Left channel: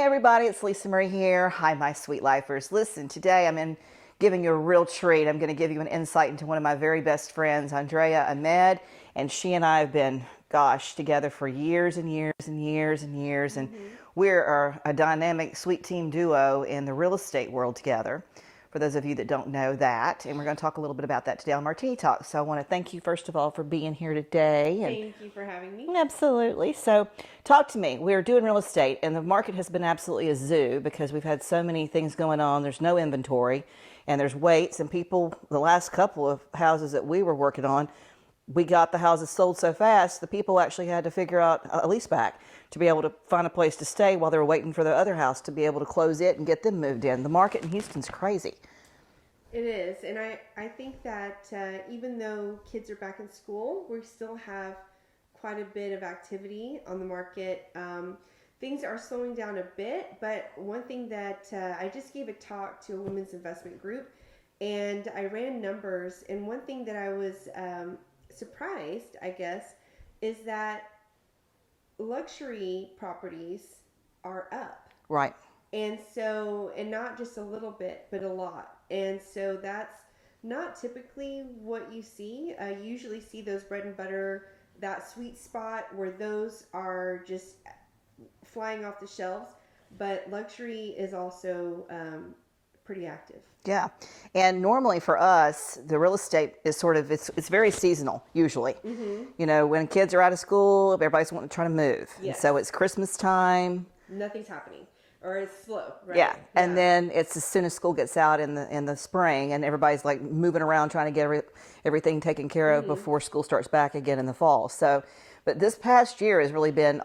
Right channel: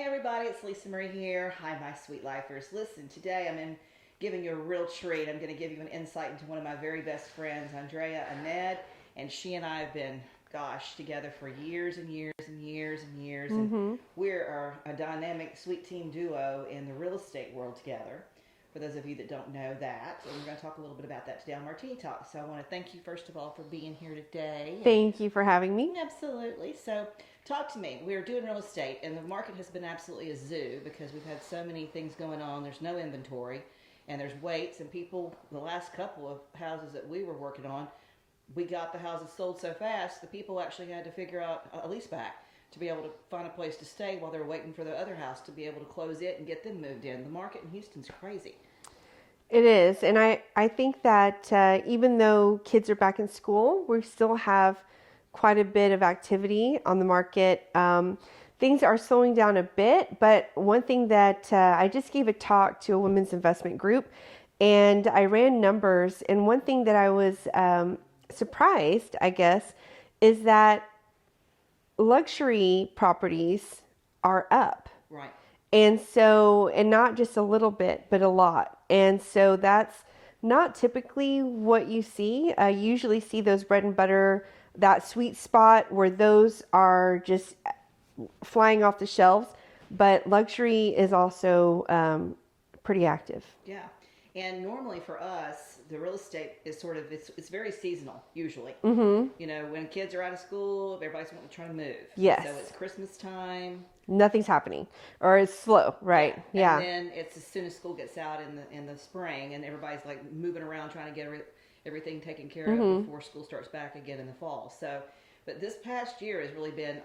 Hey everybody, it's Lisa Marie here. Hi my sweet lifers. Listen, today I'm giving you a real treat. I'm going to give you an insight into one of my very best friends, Andrea Ahmed, and she and I have been, together for years and years and years and years, and we're a dynamic sweet team duo in the real estate world together. For those of you that don't know that, and we're going to talk a little bit about that today on Martini Talk. So I want to thank you first of all for being here today. Thank you for having me. Absolutely. So talk to me. We're doing real estate, and the market has been absolutely a zoo because we've had so many things going on. There's no inventory, and there's waits, and people, the last couple of houses that we were working on, we got the houses sold so fast, the people actually had to figure out a lease back to be able to find a place to stay while they were waiting for their other house to be able to close it and get them moved in. The market in Houston's crazy. It is, and I think that even though kids are back in school, we still have quite a bit of activity on the market. Things are slowing down a bit, but one thing that I just gave a talk to a women's investment group, and I ran numbers, and one thing that I was surprised, I guess, is that luxury properties are up. Right. And so, and not just a little bit, but a lot. And so that's not typically what you see. I usually see those bread and butter, that sweet spot where those are just flying off the shelves. But luxury is also pretty active. Yeah. And normally for us, the real estate is sort of, it's very seasonal, usually. Mm-hmm. You know, when kids are out of school, everybody's wanting to try to move. Yes. So it's Christmas time. Nothing's happening, or it's slow, right? Yeah. And then it's as soon as school gets out in the spring, and everybody's like moving around trying to get everything taken care of before school starts back again in the fall. So, but this past year has really been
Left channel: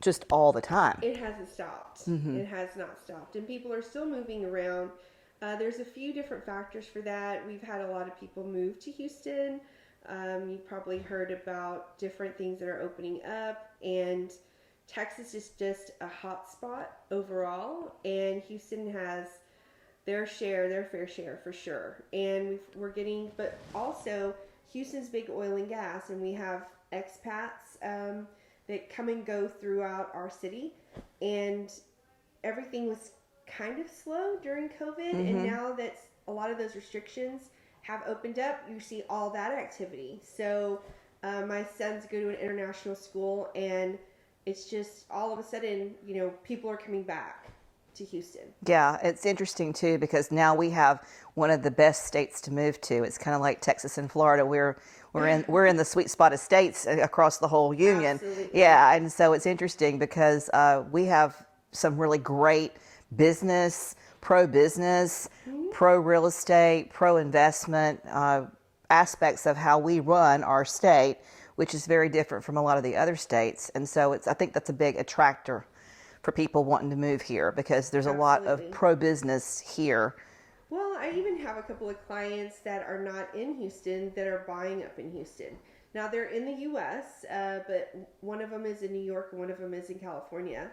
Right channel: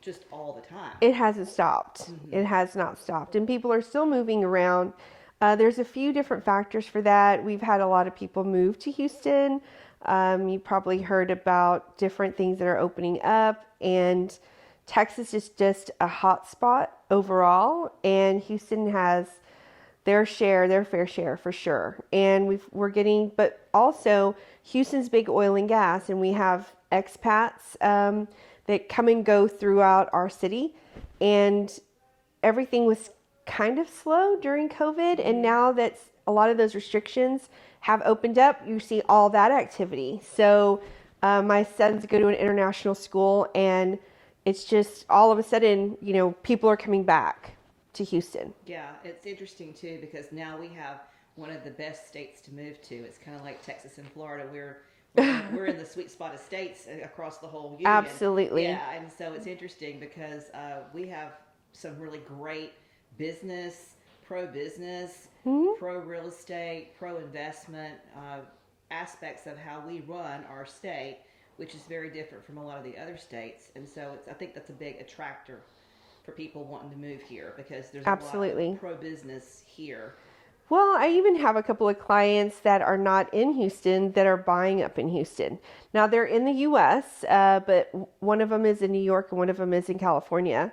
just all the time. It hasn't stopped. Mm-hmm. It has not stopped, and people are still moving around. There's a few different factors for that. We've had a lot of people move to Houston. You probably heard about different things that are opening up, and Texas is just a hot spot overall, and Houston has their fair share for sure. And we're getting, but also Houston's big oil and gas, and we have expats that come and go throughout our city, and everything was kind of slow during COVID, and now that a lot of those restrictions have opened up, you see all that activity. So my sons go to an international school, and it's just all of a sudden, you know, people are coming back to Houston. Yeah, it's interesting too because now we have one of the best states to move to. It's kind of like Texas and Florida. We're in the sweet spot of states across the whole union. Absolutely. Yeah, and so it's interesting because we have some really great business, pro-business, pro-real estate, pro-investment aspects of how we run our state, which is very different from a lot of the other states. And so I think that's a big attractor for people wanting to move here because there's a lot of pro-business here. Well, I even have a couple of clients that are not in Houston that are buying up in Houston. Now, they're in the U.S., but one of them is in New York and one of them is in California.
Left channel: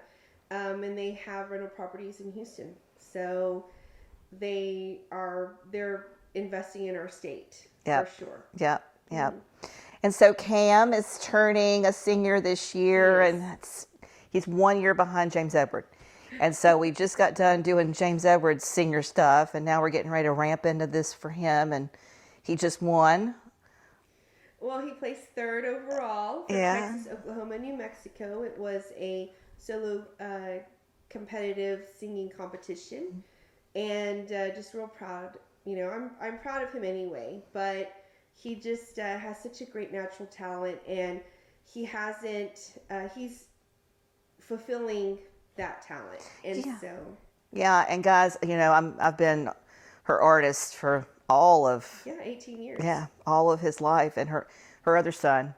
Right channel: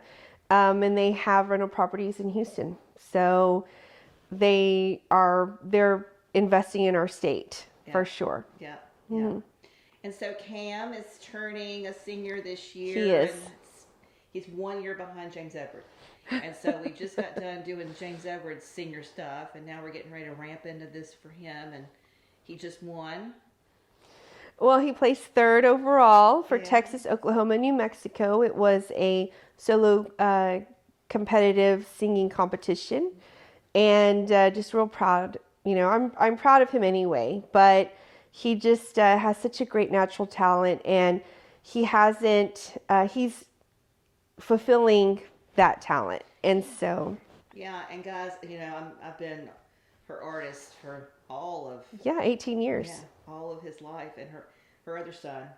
And they have rental properties in Houston. So they're investing in our state for sure. Yeah, yeah. Mm-hmm. And so Cam is turning a senior this year, and he's 1 year behind James Edward. And so we just got done doing James Edward's senior stuff, and now we're getting ready to ramp into this for him, and he just won. Well, he placed third overall for Texas, Oklahoma, New Mexico. It was a solo competitive singing competition, and just real proud. You know, I'm proud of him anyway, but he just has such a great natural talent, and he's fulfilling that talent. And so and guys, you know, I've been her artist for all of 18 years. Yeah, all of his life, and her other son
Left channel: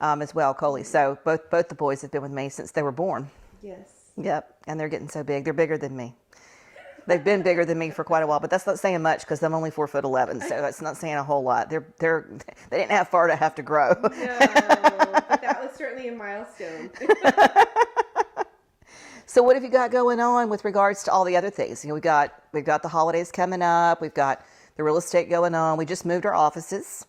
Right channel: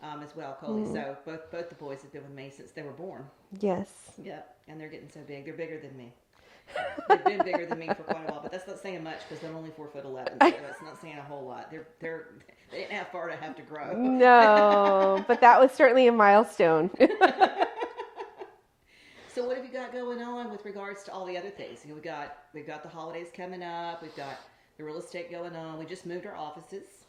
as well, Coley. So both the boys have been with me since they were born. Yes. Yep, and they're getting so big. They're bigger than me. They've been bigger than me for quite a while, but that's not saying much because I'm only 4'11", so that's not saying a whole lot. They didn't have far to have to grow. No, but that was certainly a milestone. So what have you got going on with regards to all the other things? You know, we've got the holidays coming up. We've got the real estate going on. We just moved our offices.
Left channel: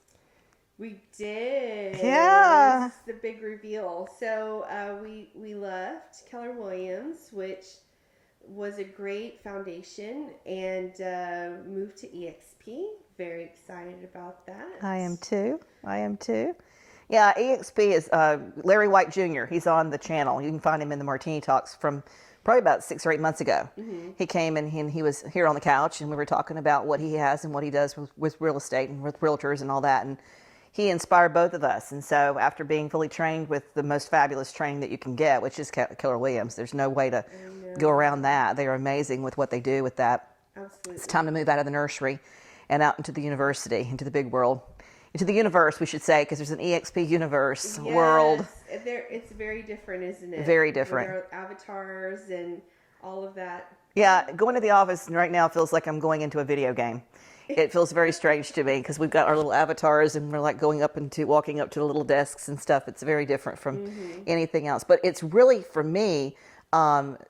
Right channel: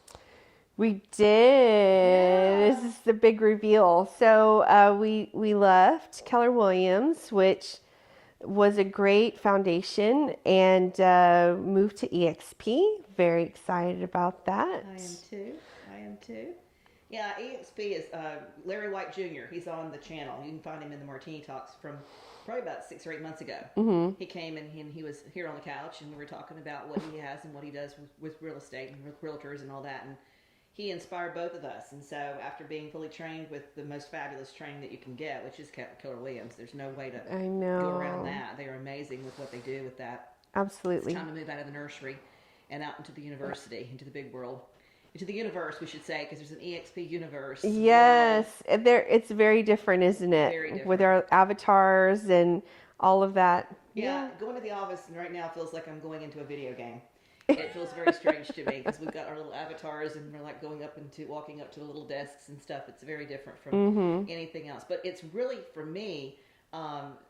We did. Yeah. This is the big reveal. So we left Keller Williams, which was a great foundation, and moved to EXP. Very excited about that. I am too. I am too. Yeah, EXP is Larry White Jr. He's on the channel. You can find him in the Martini Talks from probably about 6 or 8 months ago. Mm-hmm. He came and he was here on the couch, and we were talking about what he has and what he does with real estate and with realtors and all that. And he inspired both of us. And so after being fully trained with the most fabulous training that you can get, which is Keller Williams, there's no way to go around that. They are amazing with what they do with that. Absolutely. It's time to move out of the nursery and out into the university, into the big world. Into the universe, we should say, because there's an EXP universe world. Yes, it's very different, isn't it? Very different. With our avatars and all of that. Yeah, going to the office right now feels like I'm going into a video game. It feels very strange to me because we've got our little avatars and we're like walking up to the little desks and stuff. It's very different from anything else. But it's really, for me,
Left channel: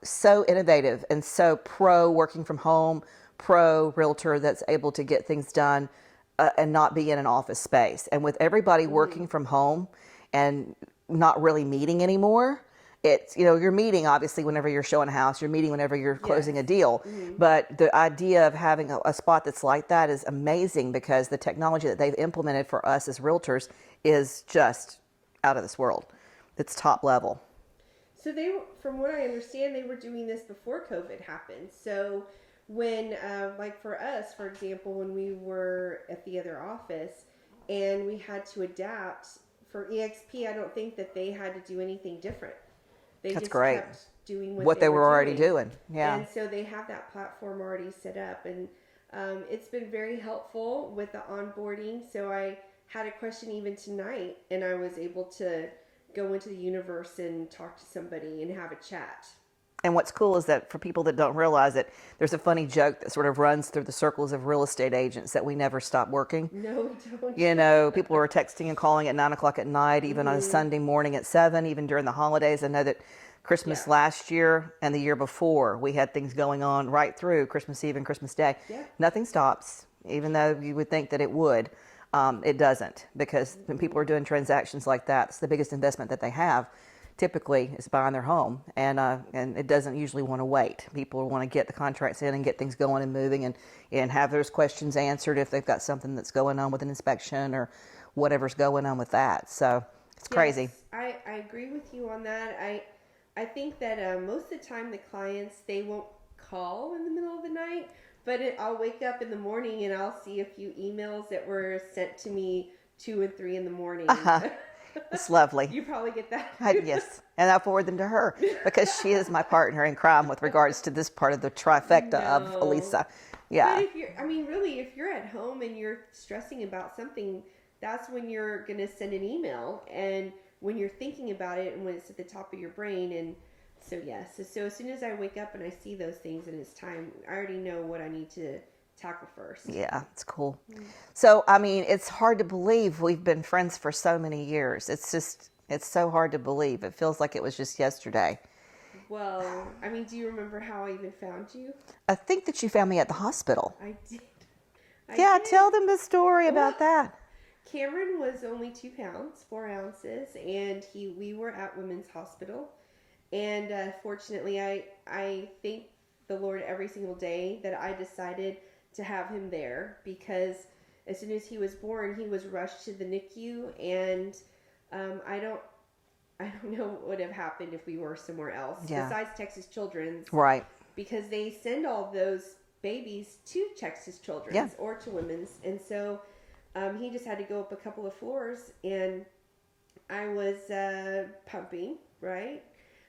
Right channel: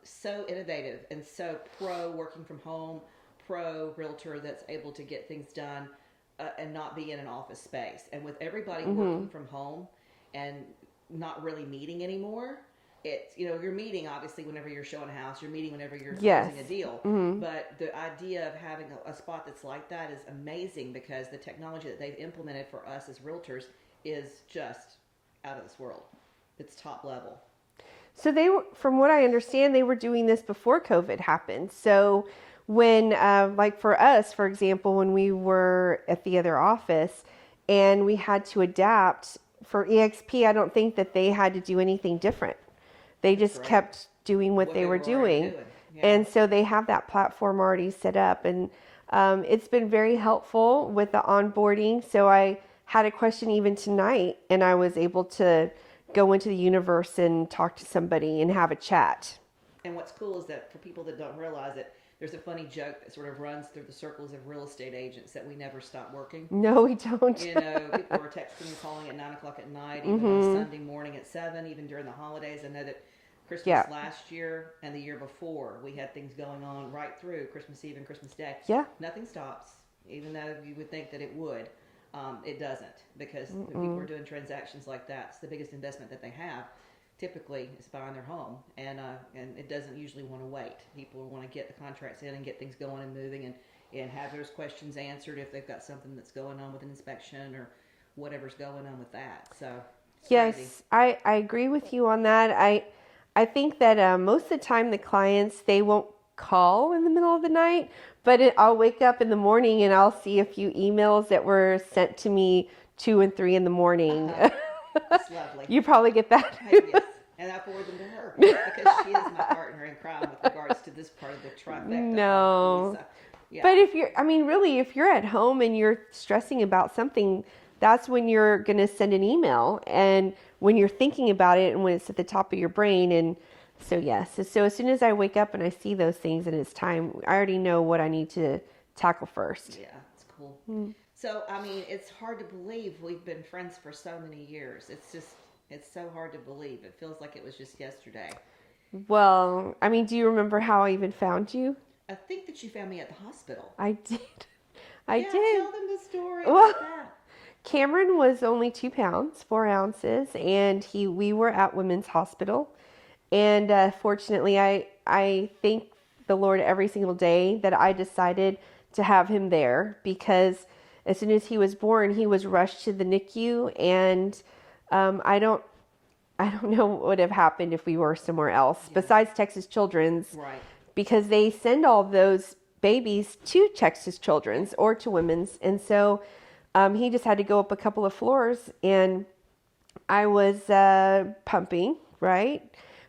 so innovative and so pro working from home, pro realtor that's able to get things done and not be in an office space. And with everybody working from home and not really meeting anymore, it's, you're meeting obviously whenever you're showing a house, you're meeting whenever you're closing a deal. But the idea of having a spot that's like that is amazing because the technology that they've implemented for us as realtors is just out of this world. It's top level. So from what I understand, they were doing this before COVID happened. So when, like for us, for example, when we were at the other office and we had to adapt for EXP, I don't think that they had to do anything different. They just kept doing what they were already doing. Yeah. And so they have that platform already set up. And it's been very helpful with the onboarding. So I had a question even tonight, and I was able to go into the universe and talk to somebody and have a chat. And what's cool is that for people that don't realize it, there's a funny joke that sort of runs through the circles of real estate agents that we never stop working. No, we don't. People were texting and calling at 9 o'clock at night, even on a Sunday morning at 7, even during the holidays. I know that Christmas last year and the year before, we had things going on right through Christmas Eve and Christmas Day. Yeah. Nothing stops, even though you would think that it would. It doesn't, because when people are doing transactions like that, it's the biggest investment that they have. Typically, is buying their home, and it doesn't usually want to wait. People want to get the contracts in and get things going and moving, and have those questions answered if they've got something that's going on with an inspection or whatever's going on with that. So it's crazy. I agree with you on that. I think that most of the time the clients, they won't call in the middle of the night, but I'll wake up in the morning and I'll see a few emails that were sent to me 2 and 3 in the morning. It's lovely. You probably get that. Yes, and I forward them to her because she is my partner in crime with regards to this part of the trifecta of Alisa. Yeah. But if you're at home and you're stressing about something, that's when you're going to send an email, and when you're thinking about it and when it's at the top of your brain. And so, yes. So as soon as I wake up and I see those things and it's time, I already know what I need to tackle first. Yeah, it's cool. So, it's hard to believe we've been friends for so many years. It's so hard to believe. It feels like it was just yesterday. Well, do you remember how I even found you? I think that you found me at the hospital. I did. Tell them the story about that. Cameron was only 2 pounds, 4 ounces, and we were at Women's Hospital. And fortunately, I thank the Lord every single day that I decided to have him there, because as soon as he was born, he was rushed to the NICU, and I don't know what would have happened if we were somewhere else besides Texas Children's, right? Because they send all those babies to Texas Children's or to Women's, and so he just had to go up a couple of floors, and I was pumping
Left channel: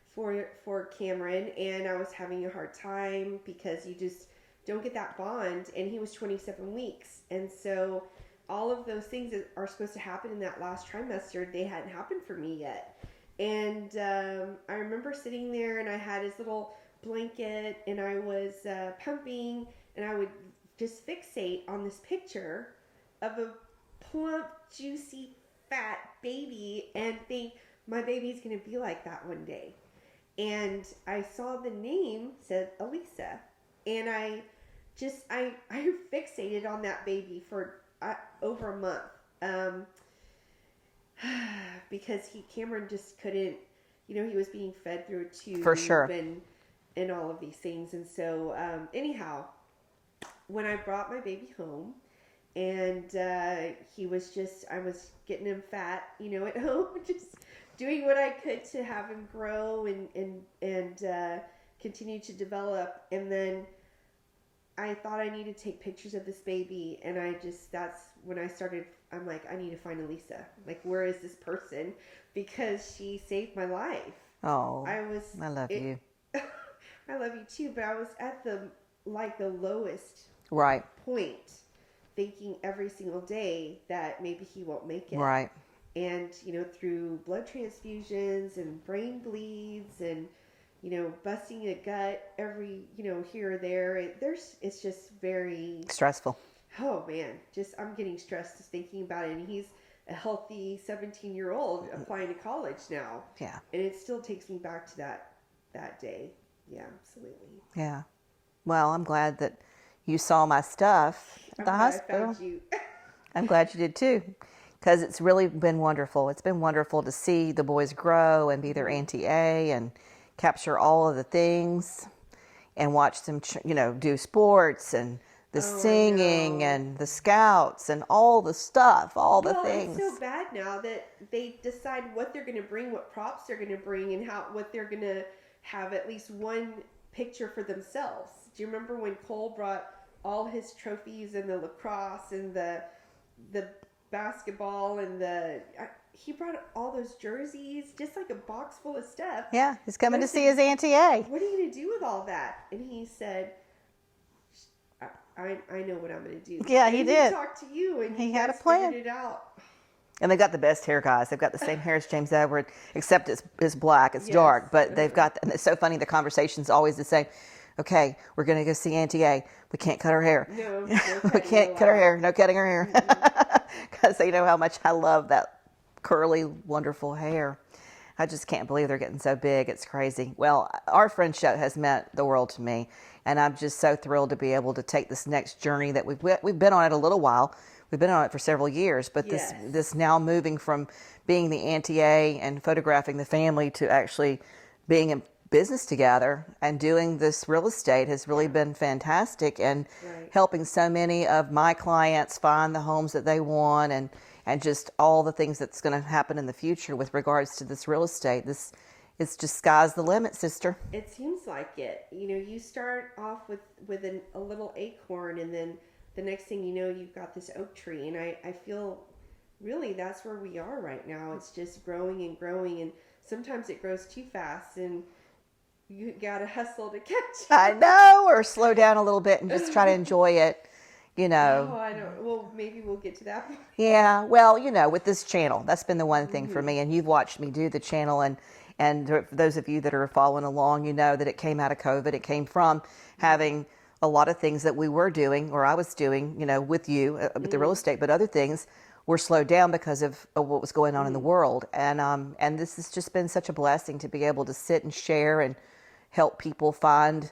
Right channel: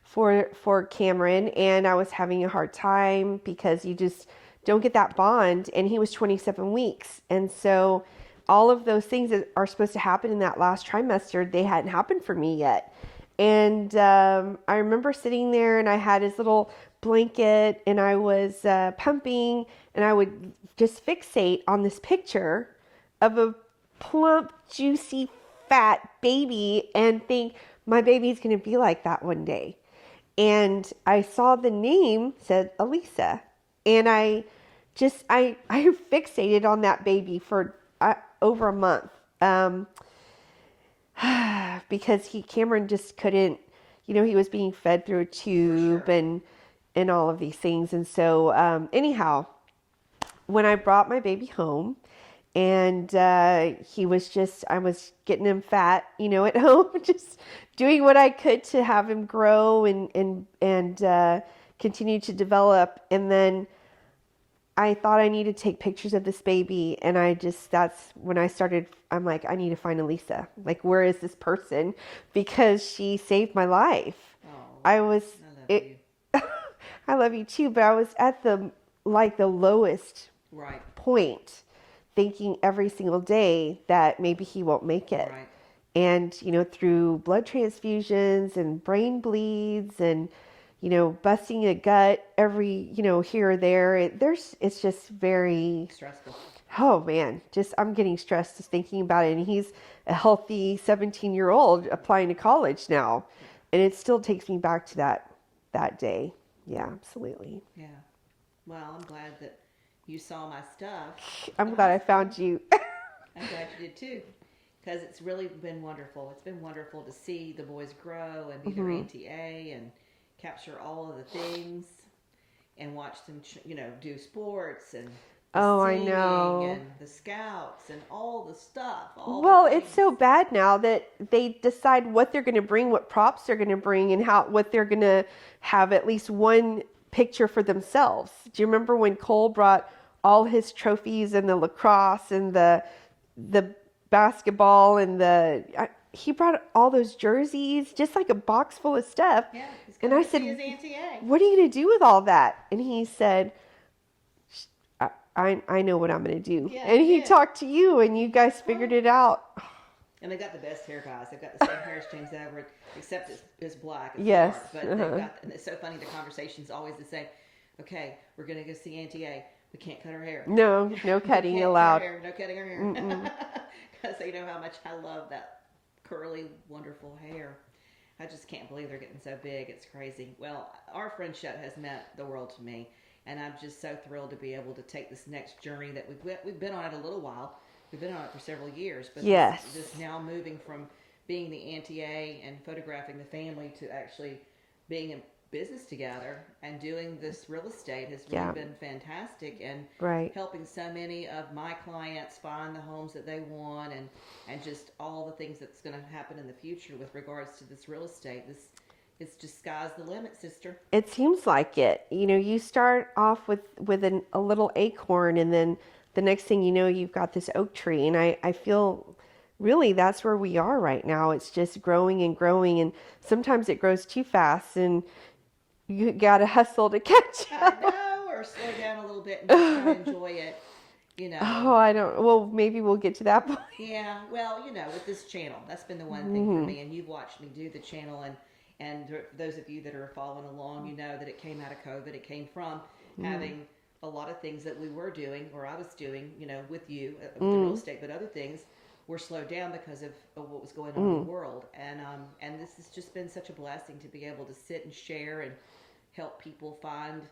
for Cameron, and I was having a hard time because you just don't get that bond, and he was 27 weeks. And so all of those things that are supposed to happen in that last trimester, they hadn't happened for me yet. And I remember sitting there, and I had his little blanket, and I was pumping, and I would just fixate on this picture of a plump, juicy, fat baby and think, my baby's going to be like that one day. And I saw the name said Alisa, and I fixated on that baby for over a month. because Cameron just couldn't, he was being fed through a For tube sure. and all of these things. And so, anyhow, when I brought my baby home, and I was getting him fat, at home, just doing what I could to have him grow and continue to develop. And then I thought I needed to take pictures of this baby, and that's when I started. I'm like, I need to find Alisa. Like, where is this person? Because she saved my life. Oh, I was. I love you. I love you too, but I was at the lowest Right. point, thinking every single day that maybe he won't make it. Right. And, through blood transfusions and brain bleeds and, busting a gut every, here or there, it's just very Stressful. Oh man, I'm getting stressed just thinking about it. And he's a healthy 17-year-old applying to college now. Yeah. And it still takes me back to that day. Yeah, absolutely. Yeah. Well, I'm glad that you saw my stuff. I'm glad I found you. I'm glad you did too, because it's really been wonderful. It's been wonderful to see the boys grow and be their Auntie A and capture all of the things and watch them, do sports and the singing and the scouts and all the stuff, all the things. Well, it's so bad now that they decide what they're going to bring, what props they're going to bring, and what they're going to have at least one picture for themselves. Do you remember when Cole brought all his trophies and the lacrosse and the basketball and he brought all those jerseys, just like a box full of stuff. Yeah, he's coming to see his Auntie A. What are you going to do with all that? And he said, I know what I'm going to do. Yeah, and he talked to you, and you guys figured it out. And they've got the best hair, guys. They've got the same hair as James Edward, except it's black. It's Yes. dark. But they've got, and it's so funny, the conversation's always the same. Okay, we're going to go see Auntie A. We can't cut her hair. No cutting We can't allowed. cut her hair. No cutting her hair. Because they know how much I love that curly, wonderful hair. I just can't believe they're getting so big. It's crazy. Well, our friendship has meant the world to me. And I'm just so thrilled to be able to take this next journey that we've been on it a little while. We've been on it for several years, but Yes. this now moving from being the Auntie A and photographing the family to actually being in business together and doing this real estate has really been fantastic, and Right. helping so many of my clients find the homes that they want, and just all the things that's going to happen in the future with regards to this real estate. It's just sky's the limit, sister. It seems like it. You start off with a little acorn, and then the next thing you know, you've got this oak tree. And I feel really that's where we are right now. It's just growing and growing, and sometimes it grows too fast, and you got to hustle to catch I up. know, or slow down a little bit and just try to enjoy it, Oh, I don't. Well, maybe we'll get to that point. Yeah, well, with this channel, that's been the one thing for me, and you've watched me do the channel, and for those of you that are following along, you know that it came out of COVID. It came from having a lot of things that we were doing, or I was doing, with you, with the real estate, but other things were slowed down because of what was going on in the world. And this has just been such a blessing to be able to sit and share and help people find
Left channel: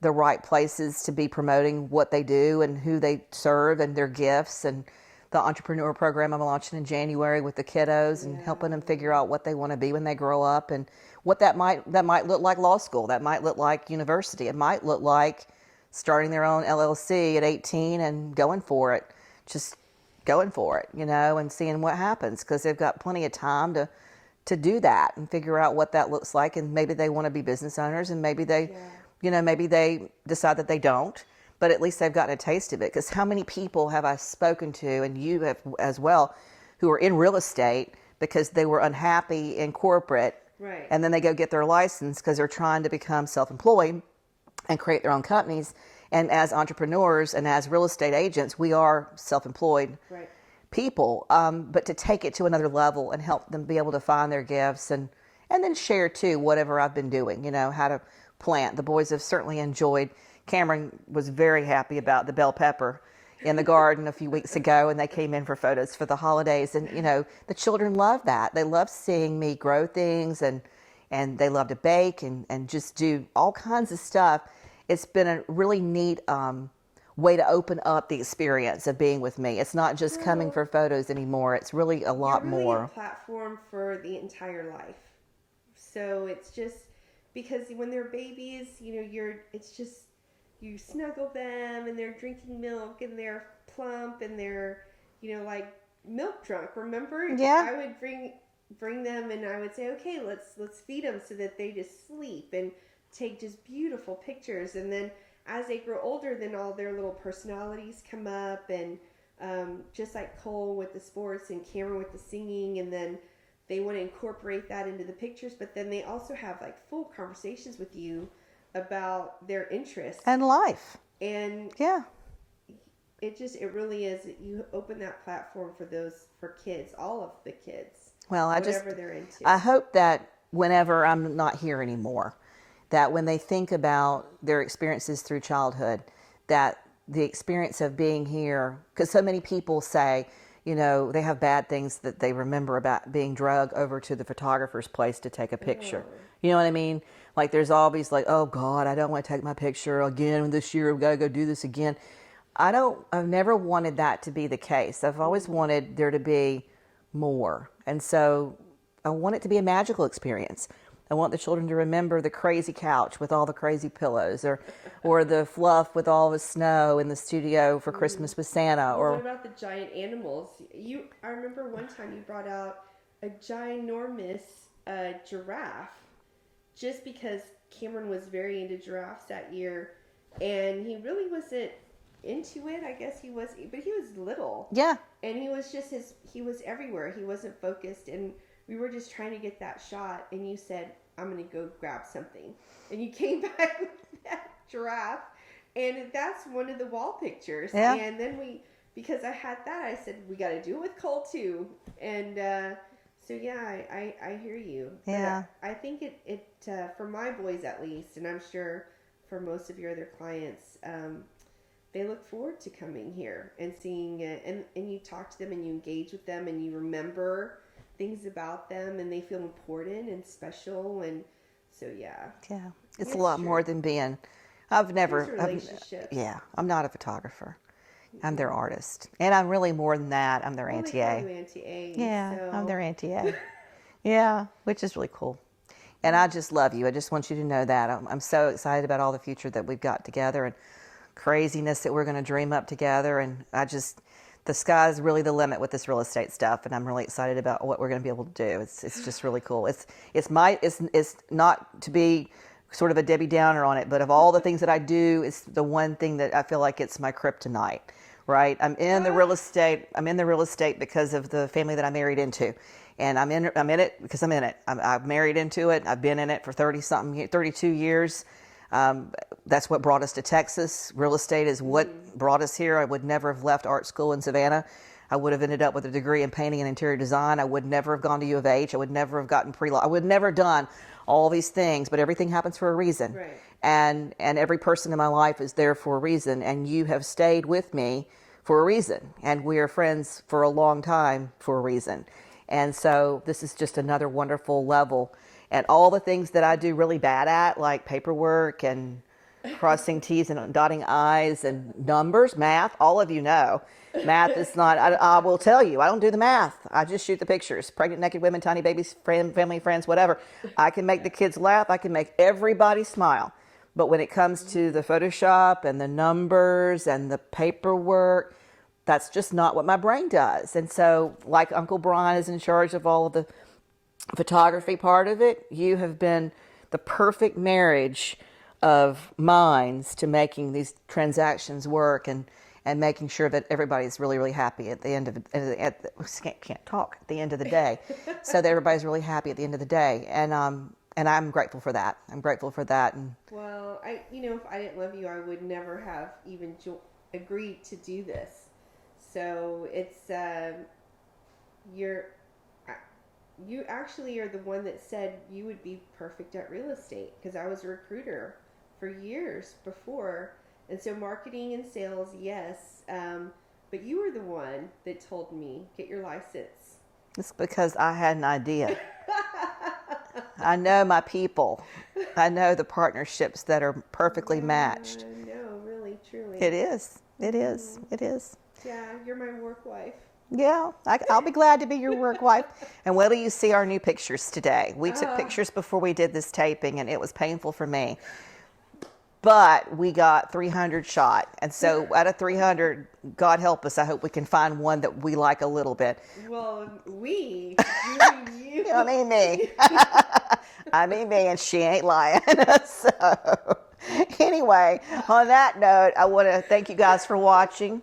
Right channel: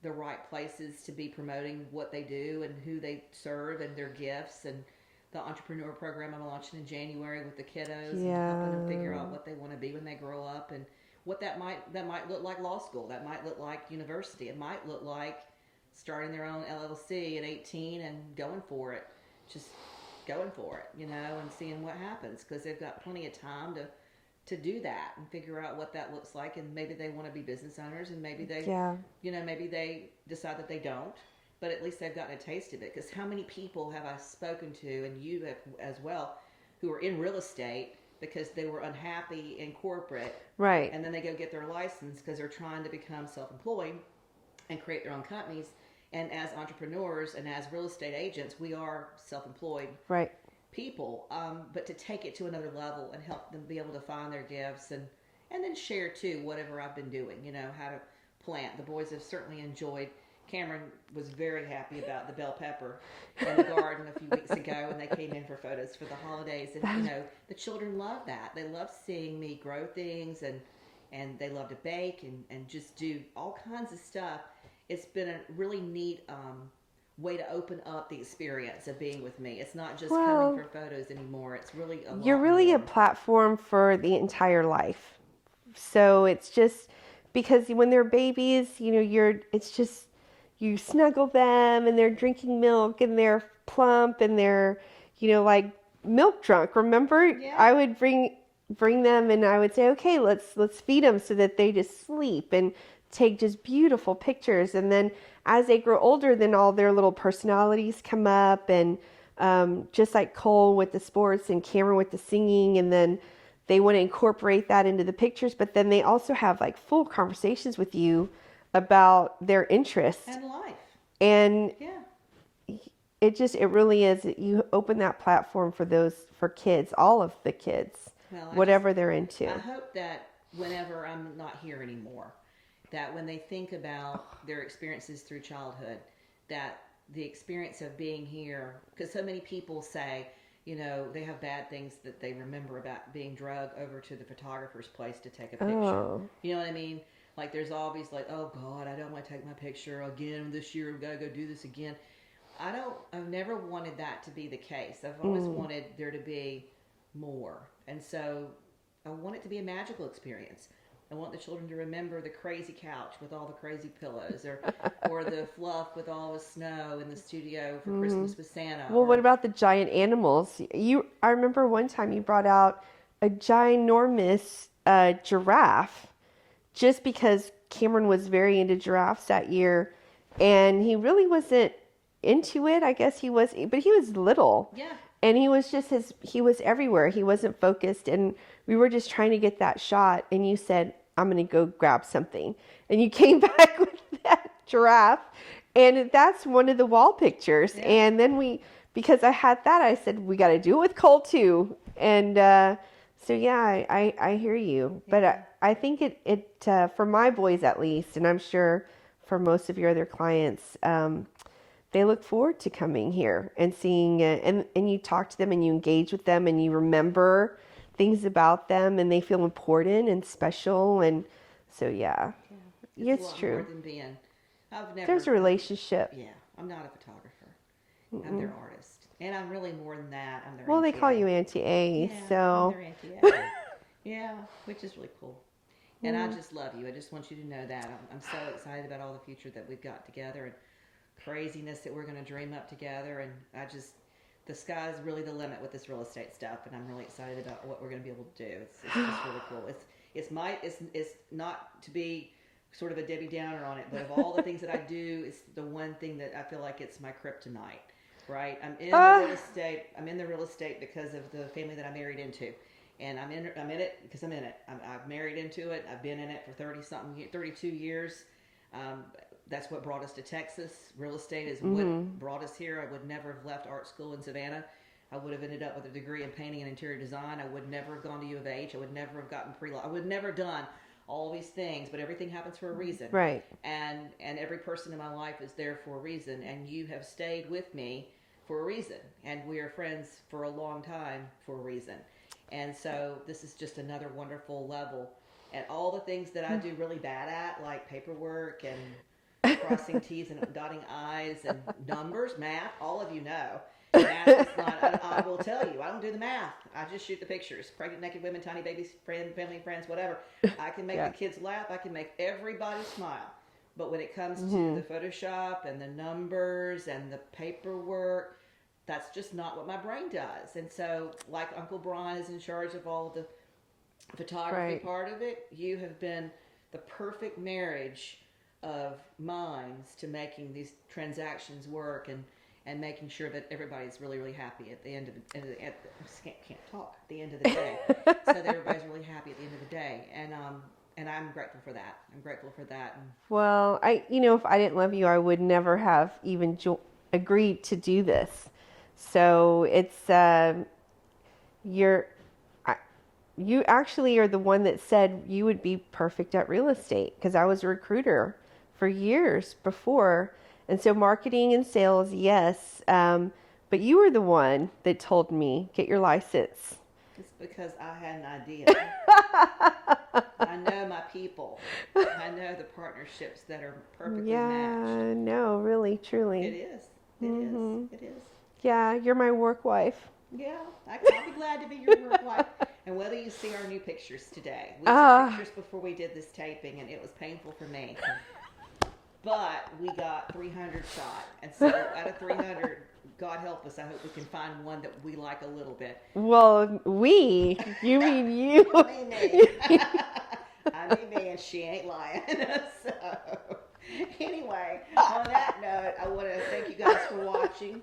the right places to be promoting what they do and who they serve and their gifts, and the entrepreneur program I'm launching in January with the kiddos and helping them figure out what they want to be when they grow up, and what that might look like law school, that might look like university, it might look like starting their own LLC at 18 and going for it, just going for it, and seeing what happens, because they've got plenty of time to do that and figure out what that looks like. And maybe they want to be business owners, and maybe they, maybe they decide that they don't, but at least they've gotten a taste of it. Because how many people have I spoken to, and you have as well, who are in real estate because they were unhappy in corporate, Right. and then they go get their license because they're trying to become self-employed and create their own companies. And as entrepreneurs and as real estate agents, we are self-employed Right. people, but to take it to another level and help them be able to find their gifts, and then share too whatever I've been doing, how to plant. The boys have certainly enjoyed. Cameron was very happy about the bell pepper in the garden a few weeks ago, and they came in for photos for the holidays, and the children love that. They love seeing me grow things, and they love to bake and just do all kinds of stuff. It's been a really neat way to open up the experience of being with me. It's not just coming Well, for photos anymore. It's really a you're lot really a more. platform for the entire life. So it's just because when they're babies, it's just you snuggle them and they're drinking milk and they're plump and they're, like milk drunk. Remember, Yeah. I would bring them and I would say, okay, let's feed them so that they just sleep and take just beautiful pictures. And then as they grow older, then all their little personalities come up, and just like Cole with the sports and Cameron with the singing, and then they want to incorporate that into the pictures, but then they also have like full conversations with you about their interests. And life. And Yeah. it really is, you open that platform for kids, all of the kids, Well, whatever they're into. I hope that whenever I'm not here anymore, that when they think about their experiences through childhood, that the experience of being here, because so many people say, they have bad things that they remember about being drugged over to the photographer's place to take a picture. Oh. You know what I mean? Like there's always like, oh God, I don't want to take my picture again this year. We've got to go do this again. I've never wanted that to be the case. I've always wanted there to be more. And so I want it to be a magical experience. I want the children to remember the crazy couch with all the crazy pillows, or the fluff with all the snow in the studio for Christmas with Santa. Well, what about the giant animals? I remember one time you brought out a ginormous giraffe, just because Cameron was very into giraffes that year, and he really wasn't into it. I guess he was, but he was little. Yeah. And he was he was everywhere. He wasn't focused, and we were just trying to get that shot, and you said, I'm going to go grab something. And you came back with that giraffe, and that's one of the wall pictures. Yeah. And then because I had that, I said, we got to do it with Cole too. And so, yeah, I hear you. But Yeah. I think it for my boys at least, and I'm sure for most of your other clients, they look forward to coming here and seeing it. And you talk to them and you engage with them and you remember things about them, and they feel important and special. And so, yeah. Yeah. It's a lot true. more than being, There's a relationship. I'm not a photographer. I'm their artist. And I'm really more than that. I'm their Well, Auntie they call A. you Auntie A. Yeah, So I'm their Auntie A. Yeah, which is really cool. And I just love you. I just want you to know that. I'm so excited about all the future that we've got together and craziness that we're going to dream up together. And the sky's really the limit with this real estate stuff. And I'm really excited about what we're going to be able to do. It's just really cool. It's not to be sort of a Debbie Downer on it, but of all the things that I do, it's the one thing that I feel like it's my kryptonite, right? I'm in the real estate because of the family that I married into. And I'm in it because I'm in it. I've married into it. I've been in it for 32 years. That's what brought us to Texas. Real estate is what brought us here. I would never have left art school in Savannah. I would have ended up with a degree in painting and interior design. I would never have gone to U of H. I would never have gotten pre-law. I would never have done all these things, but everything happens for a reason. Right. And every person in my life is there for a reason, and you have stayed with me for a reason. And we are friends for a long time for a reason. And so this is just another wonderful level. And all the things that I do really bad at, like paperwork and crossing T's and dotting I's and numbers, math, all of you know. Math is not, I will tell you, I don't do the math. I just shoot the pictures. Pregnant, naked women, tiny babies, family, friends, whatever. I can make the kids laugh. I can make everybody smile. But when it comes to the Photoshop and the numbers and the paperwork, that's just not what my brain does. And so, like Uncle Brian is in charge of all of the photography part of it, you have been the perfect marriage of minds to making these transactions work and making sure that everybody's really, really happy at the end of can't talk at the end of the day. So that everybody's really happy at the end of the day. And I'm grateful for that. I'm grateful for that. And well, if I didn't love you, I would never have even agreed to do this. So it's you actually are the one that said you would be perfect at real estate, because I was a recruiter for years before. And so marketing and sales, yes. But you were the one that told me, get your license. it's because I had an idea. I know my people. I know the partnerships that are perfectly matched. No, really, truly. It is. It is. It is. Yeah, you're my work wife. Yeah, I'll be glad to be your work wife. And wait till you see our new pictures today. We took pictures before we did this taping, and it was painful for me. But we got 300 shot. And so out of 300, God help us, I hope we can find one that we like a little bit. Well, you mean you. I mean me. I mean me, and she ain't lying. So anyway, on that note, I want to thank you guys for watching.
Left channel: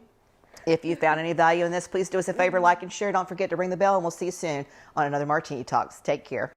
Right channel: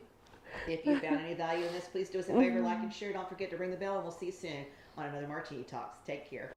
If you found any value in this, please do us a favor, like and share. Don't forget to ring the bell, and we'll see you soon on another Martini Talks. Take care.